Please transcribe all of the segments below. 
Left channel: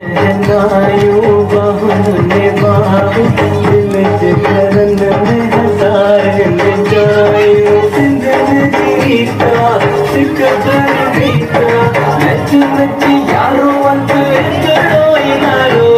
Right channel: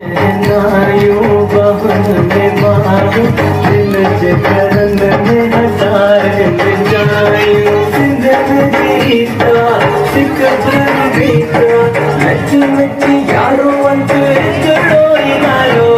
जनायूं बहन में बाबू दिल च करन में हज़ार जायूं जिंदगी का सिकत बीता नच नच यारो अंत चलो यारो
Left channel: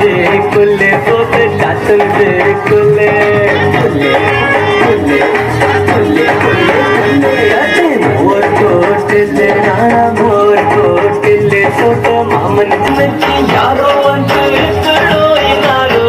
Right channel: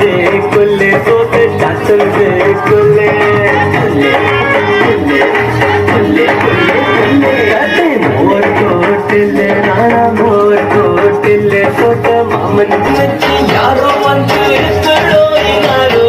दे कुले बोके चाचल दे कुले कुले कुले कुले कुले कुले आते मोर कोट ले नाना मोर कोट ले सोता मामन नची यारो अंत चलो यारो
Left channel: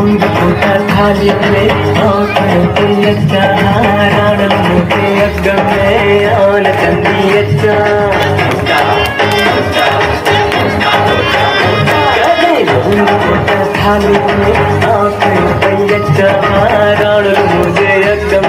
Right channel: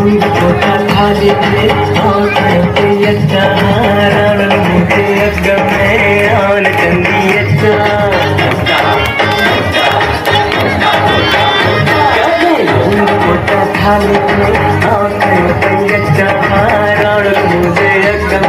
थाली में मोटे अच्छा रावण मोटे एकदम में आन कंदी अच्छा थाली में मोटे अच्छा रावण मुझे एकदम